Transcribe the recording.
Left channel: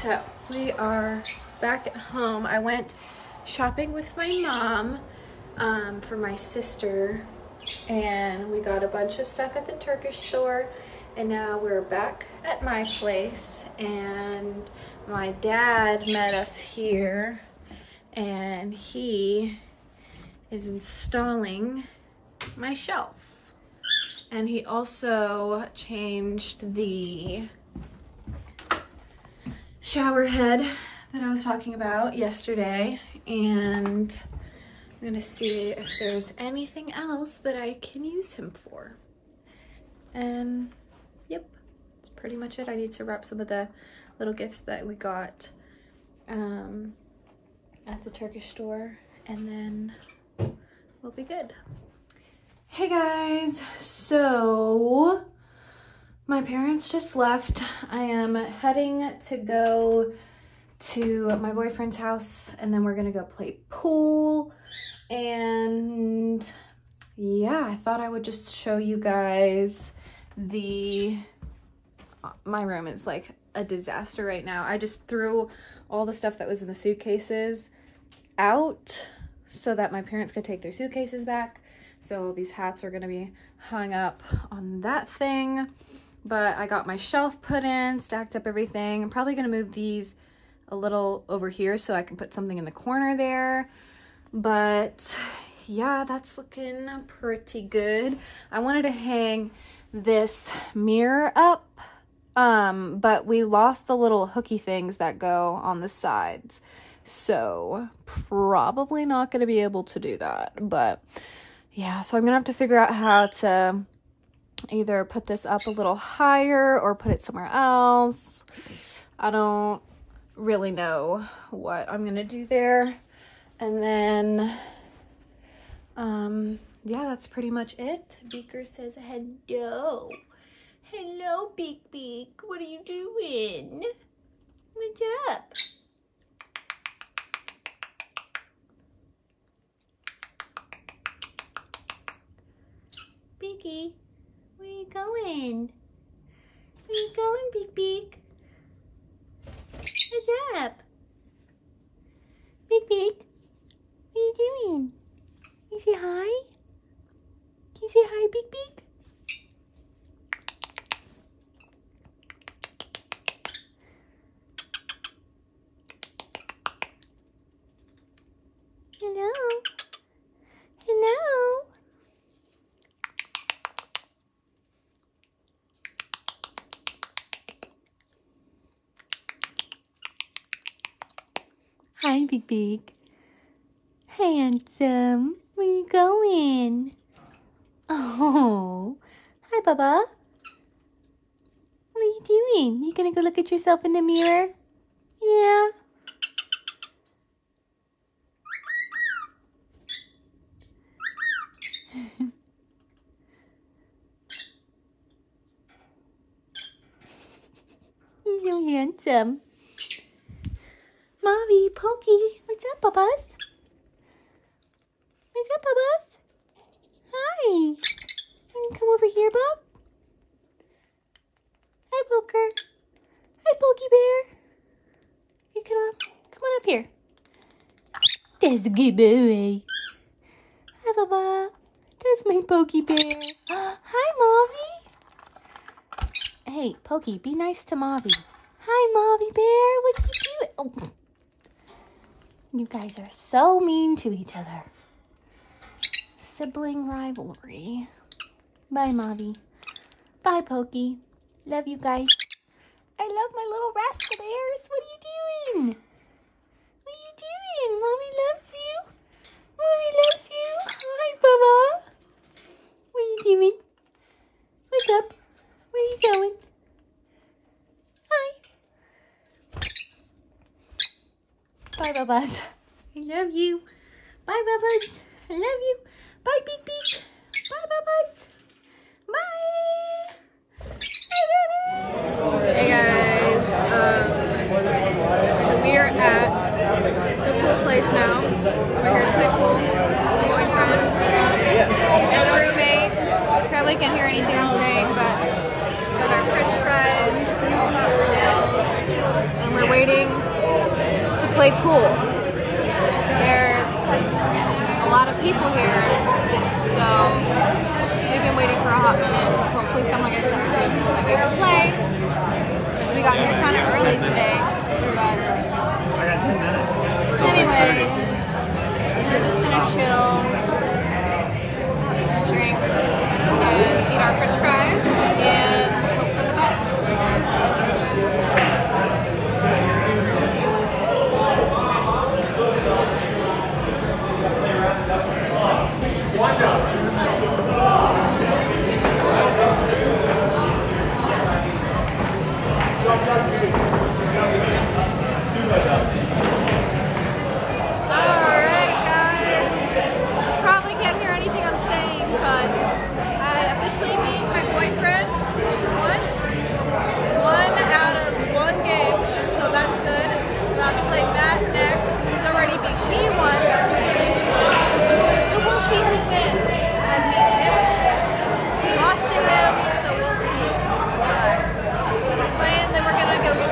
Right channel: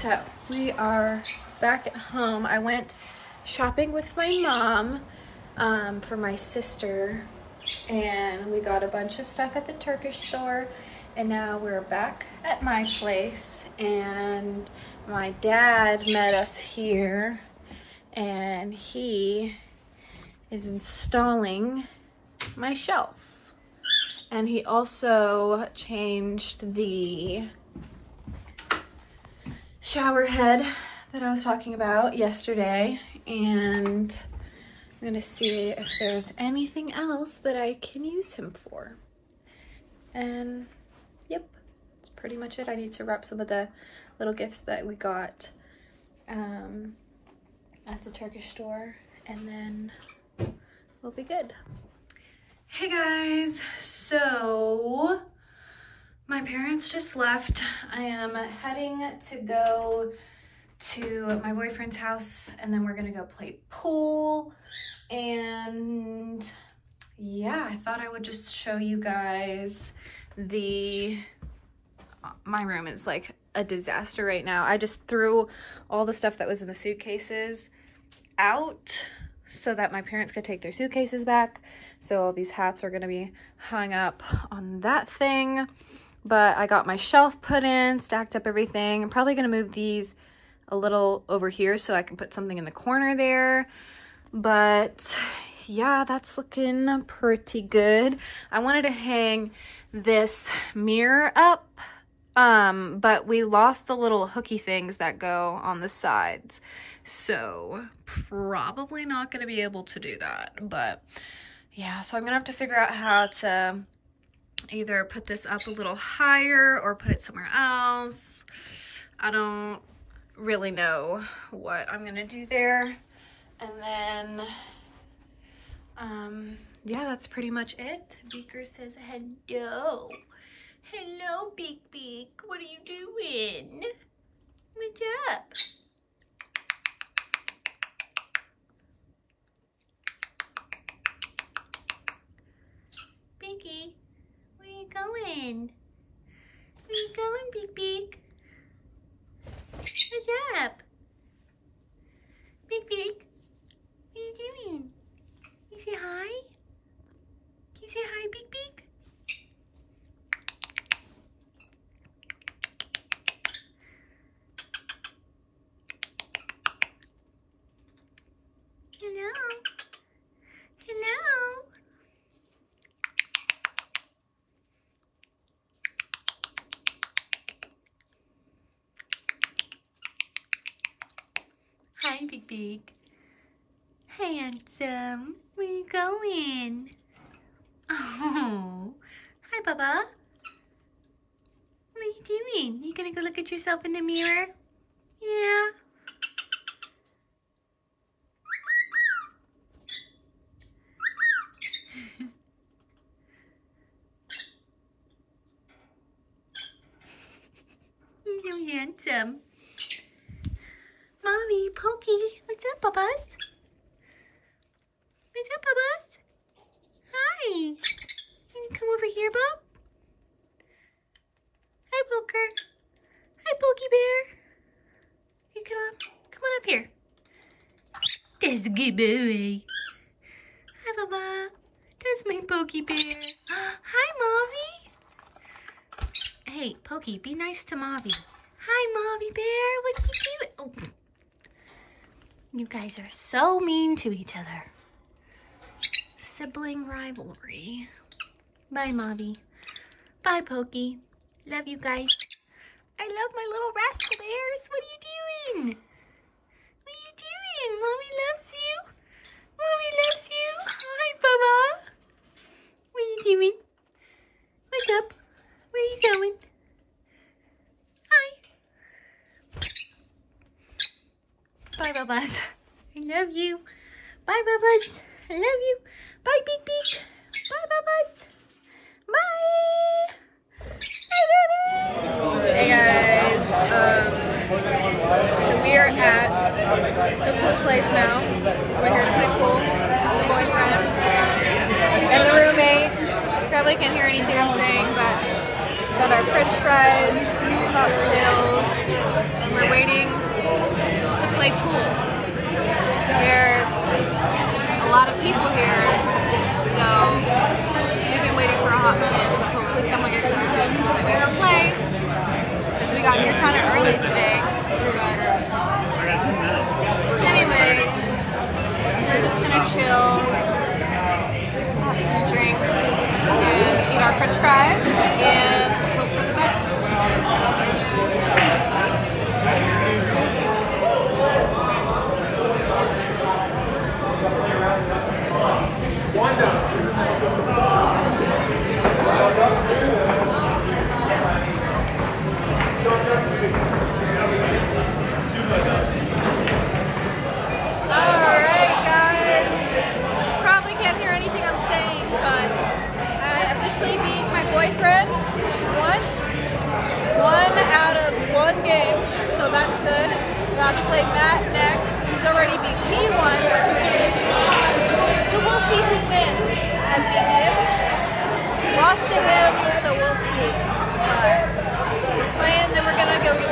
So we are back at home. I went shopping with my mom for my sister, and we got a bunch of stuff at the Turkish store, and now we're back at my place, and my dad met us here, and he is installing my shelf. And he also changed the shower head that I was talking about yesterday, and I'm gonna see if there's anything else that I can use him for. And yep, that's pretty much it. I need to wrap some of the little gifts that we got at the Turkish store, and then we'll be good. Hey guys, so my parents just left. I am heading to go to my boyfriend's house, and then we're gonna go play pool. And yeah, I thought I would just show you guys my room is like a disaster right now. I just threw all the stuff that was in the suitcases out so that my parents could take their suitcases back. So all these hats are gonna be hung up on that thing. But I got my shelf put in, stacked up everything. I'm probably gonna move these a little over here so I can put something in the corner there. But yeah, that's looking pretty good. I wanted to hang this mirror up, but we lost the little hooky things that go on the sides. So probably not gonna be able to do that. But yeah, so I'm gonna have to figure out how to either put this up a little higher or put it somewhere else. I don't really know what I'm gonna do there. And then yeah, that's pretty much it. Beaker says hello. Hello, Beak. What are you doing? What's up? Beaky, where you going? Where you going, Beak? What's up? Beak, what are you doing? Can you say hi? Can you say hi, Beak? Hello? Hello? Hi, Beak. Handsome. Where you going? Oh. Hi, Bubba. What are you doing? You gonna go look at yourself in the mirror? Yeah. You're so handsome. Mommy, Pokey, what's up, Bubba's? What's up, Bubba's? Hi. Can you come over here, Bub? Hi, Poker. Hi, Pokey Bear. You come on up here. That's a good boy. Hi, Bubba. That's my Pokey Bear. Hi, Mommy. Hey, Pokey, be nice to Mommy. Hi, Mommy Bear. What are you doing? Oh. You guys are so mean to each other. Sibling rivalry. Bye, Mommy. Bye, Pokey. Love you guys. I love my little rascal bears. What are you doing? What are you doing? Mommy loves you. Mommy loves you. Hi, Bubba. What are you doing? What's up? Where are you going? Hi. Bye, Bubbas. I love you. Bye, Bubbas. I love you. Bye, Beak. Bye, Bubbas. Bye. Hey guys. So we are at the pool place now. We're here to play pool. The boyfriend and the roommate. Probably can't hear anything I'm saying, but got our French fries, cocktails, and we're waiting to play pool. There's a lot of people here, so we've been waiting for a hot minute, but hopefully someone gets up soon so that we can play. Because we got here kind of early today. But anyway, we're just gonna chill, have some drinks, and eat our french fries, and hope for the best. Alright guys, probably can't hear anything I'm saying, but I officially beat my boyfriend once, 1 out of 1 game, so that's good. I'm about to play Matt next, who's already beat me once, so we'll see who wins. I beat him, lost to him, so we'll see, but we're playing, then we're gonna go get